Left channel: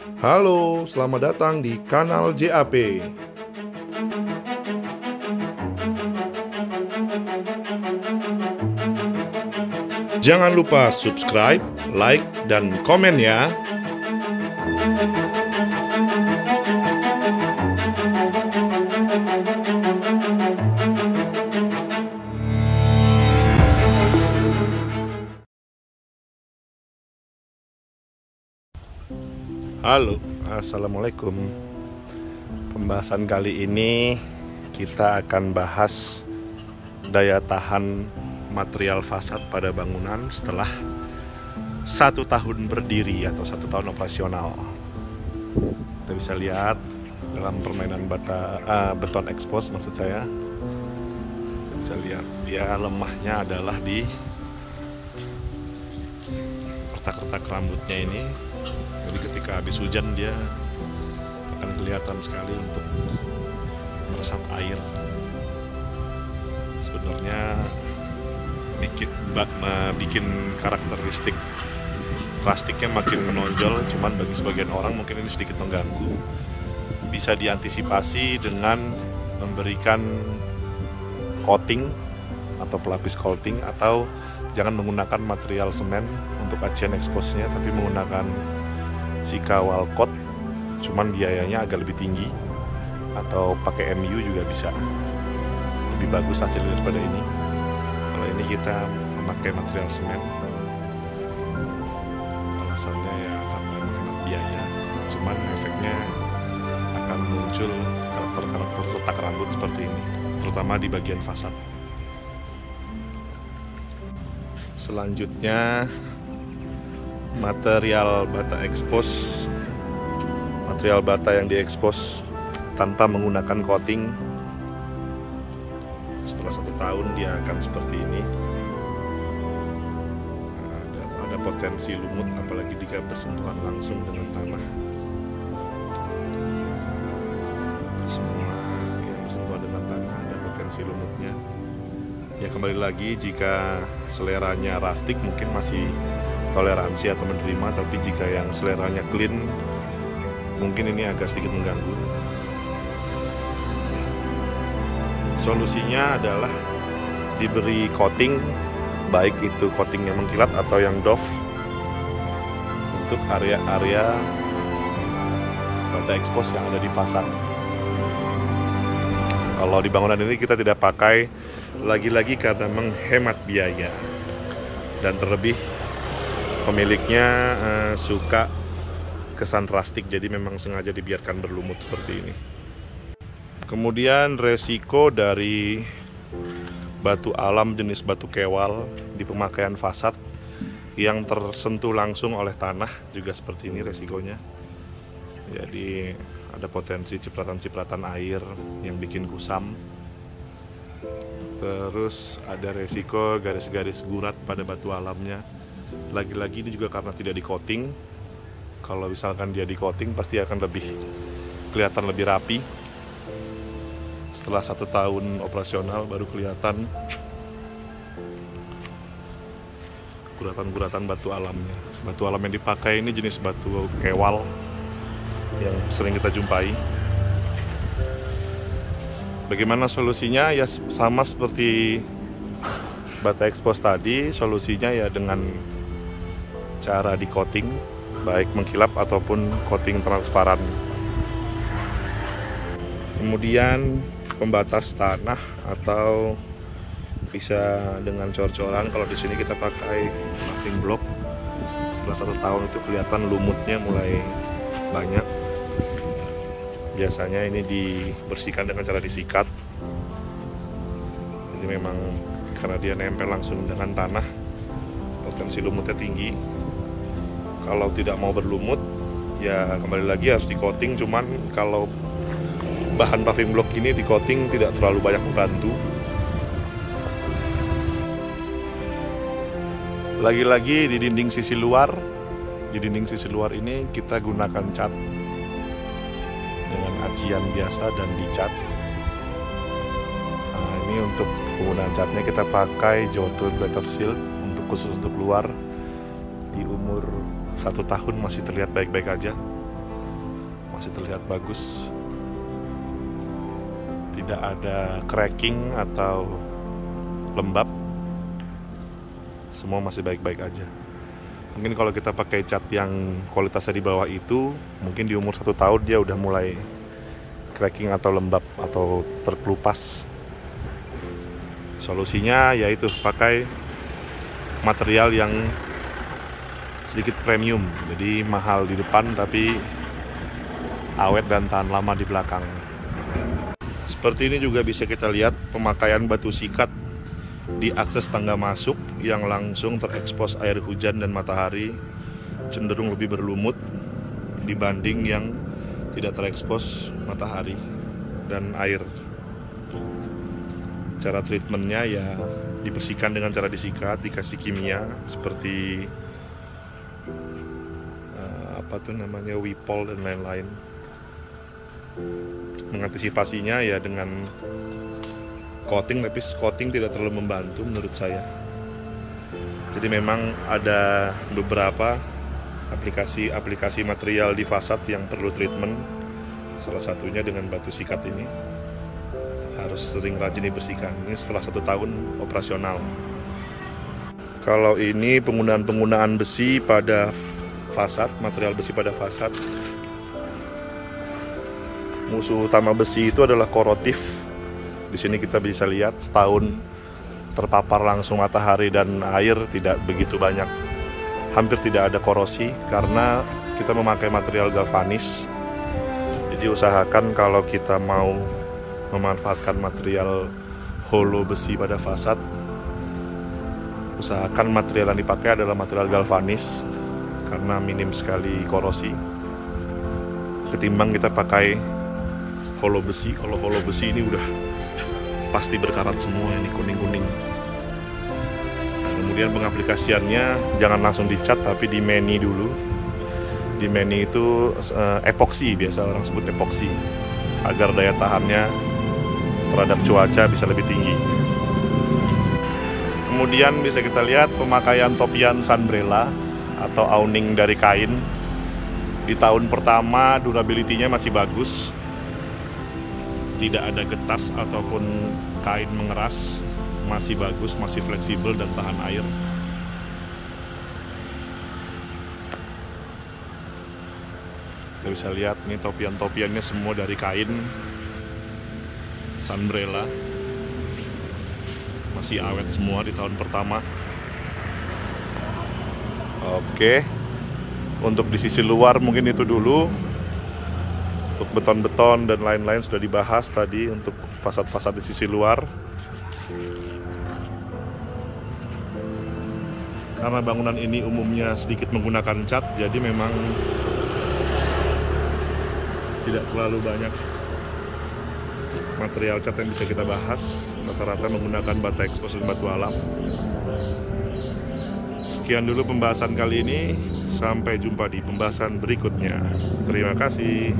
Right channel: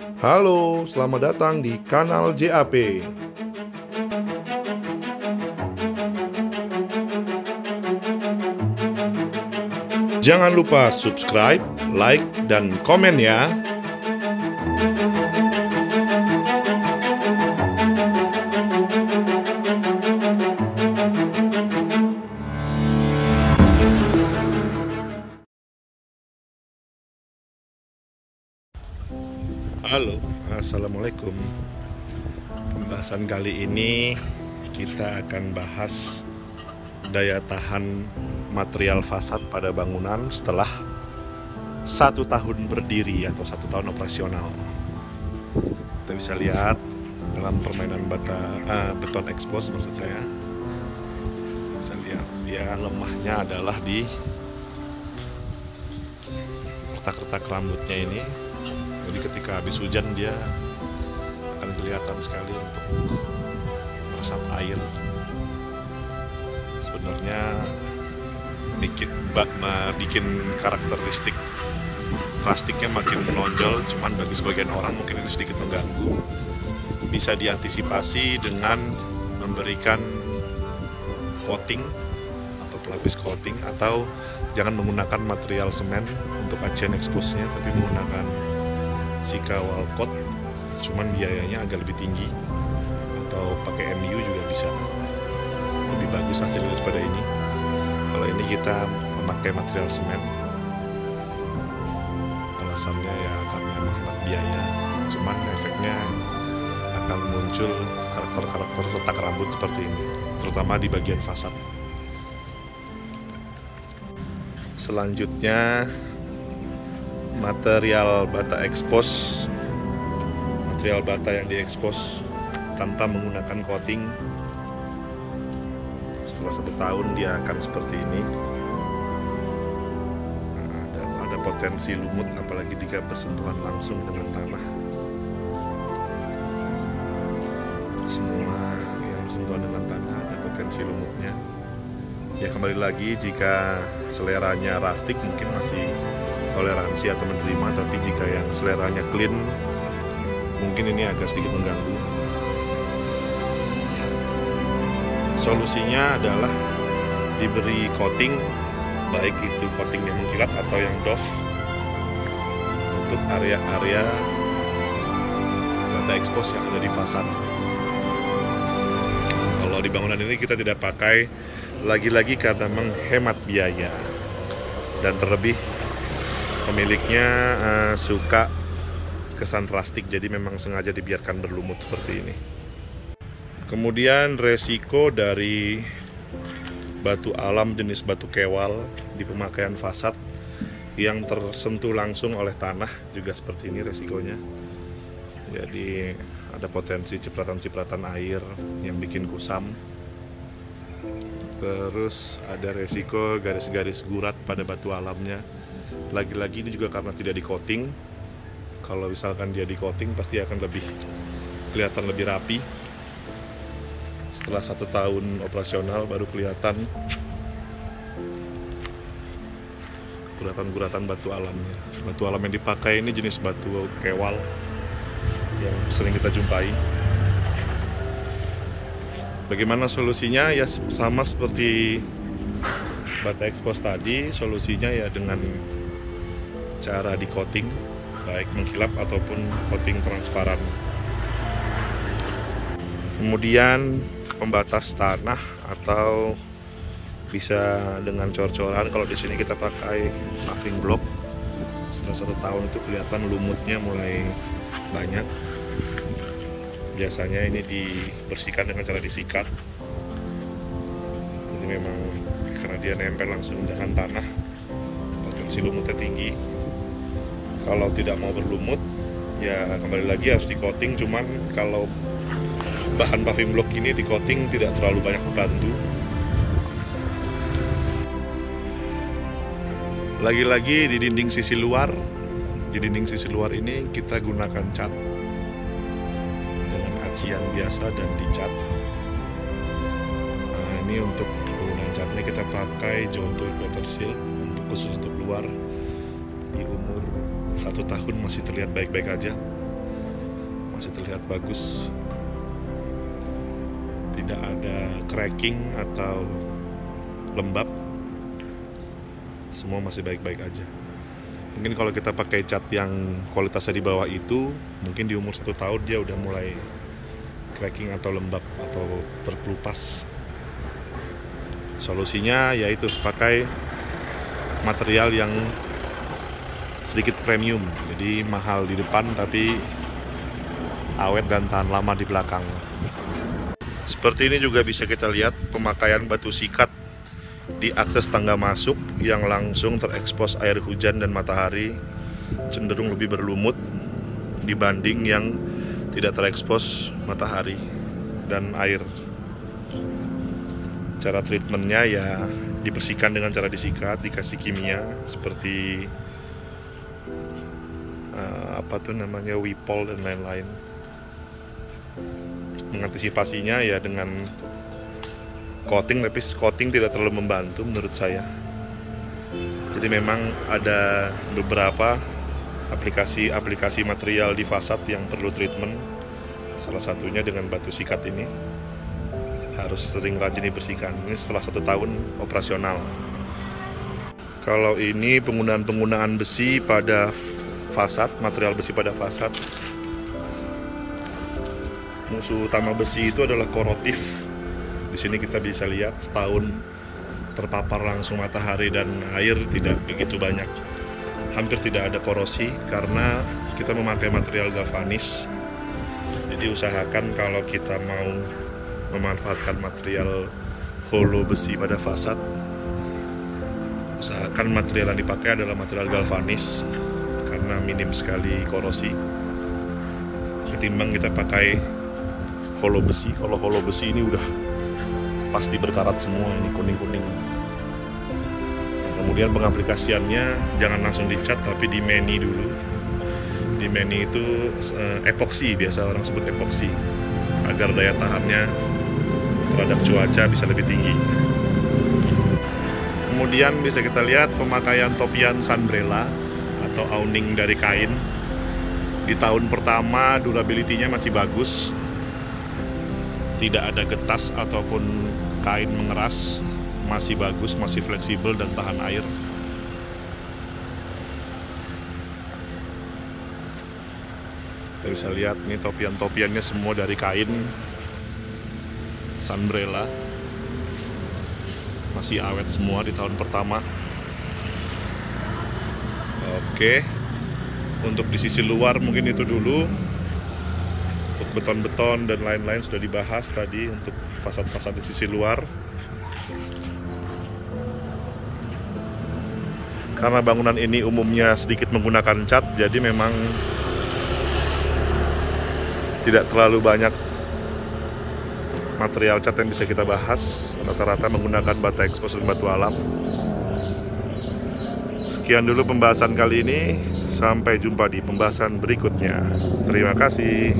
Halo, selamat datang di kanal JAP. Jangan lupa subscribe, like, dan komen ya. Halo, assalamualaikum. Pembahasan kali ini kita akan bahas daya tahan material fasad pada bangunan setelah 1 tahun berdiri atau 1 tahun operasional. Kita bisa lihat dalam permainan beton expose, maksud saya. Kita bisa lihat dia lemahnya adalah di retak-retak rambutnya ini. Jadi ketika habis hujan dia akan kelihatan sekali untuk meresap air. Sebenarnya bikin karakteristik plastiknya makin menonjol, cuman bagi sebagian orang mungkin ini sedikit mengganggu. Bisa diantisipasi dengan memberikan coating atau pelapis coating, atau jangan menggunakan material semen untuk acian expose-nya, tapi menggunakan Sika wall coat, cuman biayanya agak lebih tinggi, atau pakai MU juga bisa, lebih bagus hasilnya daripada ini. Kalau ini kita memakai material semen, alasannya ya karena menghemat biaya, cuman efeknya akan muncul karakter-karakter retak rambut seperti ini, terutama di bagian fasad. Selanjutnya material bata expose, material bata yang diekspos tanpa menggunakan coating. Setelah 1 tahun dia akan seperti ini. Ada potensi lumut, apalagi jika bersentuhan langsung dengan tanah. Semua yang bersentuhan dengan tanah ada potensi lumutnya. Ya kembali lagi, jika seleranya rustic mungkin masih toleransi atau menerima, tapi jika yang seleranya clean mungkin ini agak sedikit mengganggu. Ya. Solusinya adalah diberi coating, baik itu coating yang mengkilat atau yang doff, untuk area-area bata expose yang ada di fasad. Kalau di bangunan ini kita tidak pakai, lagi-lagi karena menghemat biaya, dan terlebih pemiliknya suka kesan rustic, jadi memang sengaja dibiarkan berlumut seperti ini. Kemudian resiko dari batu alam jenis batu kewal di pemakaian fasad yang tersentuh langsung oleh tanah juga seperti ini resikonya. Jadi ada potensi cipratan-cipratan air yang bikin kusam. Terus ada resiko garis-garis gurat pada batu alamnya. Lagi-lagi ini juga karena tidak di coating. Kalau misalkan dia di coating pasti akan kelihatan lebih rapi. Setelah 1 tahun operasional baru kelihatan guratan-guratan batu alamnya. Batu alam yang dipakai ini jenis batu kewal yang sering kita jumpai. Bagaimana solusinya? Ya sama seperti bata expose tadi, solusinya ya dengan cara di coating, baik mengkilap ataupun coating transparan. Kemudian pembatas tanah atau bisa dengan cor-coran. Kalau di sini kita pakai paving block. Setelah 1 tahun itu kelihatan lumutnya mulai banyak. Biasanya ini dibersihkan dengan cara disikat. Jadi memang karena dia nempel langsung dengan tanah, potensi lumutnya tinggi. Kalau tidak mau berlumut, ya kembali lagi harus di coating. Cuman kalau bahan paving block ini di coating tidak terlalu banyak membantu. Lagi-lagi di dinding sisi luar ini kita gunakan cat dengan acian biasa dan dicat. Nah, ini untuk penggunaan catnya kita pakai John Tool Better Seal khusus untuk luar. Di umur 1 tahun masih terlihat baik-baik aja. masih terlihat bagus, tidak ada cracking atau lembab, semua masih baik-baik aja. Mungkin kalau kita pakai cat yang kualitasnya di bawah itu, mungkin di umur 1 tahun dia udah mulai cracking atau lembab atau terkelupas. Solusinya yaitu pakai material yang sedikit premium, jadi mahal di depan tapi awet dan tahan lama di belakang. Seperti ini juga bisa kita lihat pemakaian batu sikat di akses tangga masuk yang langsung terekspos air hujan dan matahari, cenderung lebih berlumut dibanding yang tidak terekspos matahari dan air. Cara treatmentnya ya dibersihkan dengan cara disikat, dikasih kimia seperti Wipol dan lain-lain. Mengantisipasinya ya dengan coating, tapi coating tidak terlalu membantu menurut saya. Jadi memang ada beberapa aplikasi material di fasad yang perlu treatment. Salah satunya dengan batu sikat ini harus sering rajin dibersihkan. Ini setelah 1 tahun operasional. Kalau ini penggunaan besi pada fasad, material besi pada fasad. Musuh utama besi itu adalah korotif. Di sini kita bisa lihat setahun terpapar langsung matahari dan air tidak begitu banyak. Hampir tidak ada korosi karena kita memakai material galvanis. Jadi usahakan kalau kita mau memanfaatkan material holo besi pada fasad, usahakan material yang dipakai adalah material galvanis karena minim sekali korosi ketimbang kita pakai holo besi. Kalau holo besi ini udah pasti berkarat semua, ini kuning-kuning. Nah, kemudian pengaplikasiannya jangan langsung dicat tapi di mani dulu. Di mani itu epoksi, biasa orang sebut epoksi, agar daya tahannya terhadap cuaca bisa lebih tinggi. Kemudian bisa kita lihat pemakaian topian sunbrella atau awning dari kain. Di tahun pertama durability-nya masih bagus, tidak ada getas ataupun kain mengeras, masih bagus, masih fleksibel dan tahan air. Kita bisa lihat nih topian-topiannya semua dari kain sunbrella, masih awet semua di tahun pertama. Oke, untuk di sisi luar mungkin itu dulu. Untuk beton-beton dan lain-lain sudah dibahas tadi untuk fasad-fasad di sisi luar. Karena bangunan ini umumnya sedikit menggunakan cat, jadi memang tidak terlalu banyak material cat yang bisa kita bahas. Rata-rata menggunakan bata ekspos dan batu alam. Sekian dulu pembahasan kali ini. Sampai jumpa di pembahasan berikutnya. Terima kasih.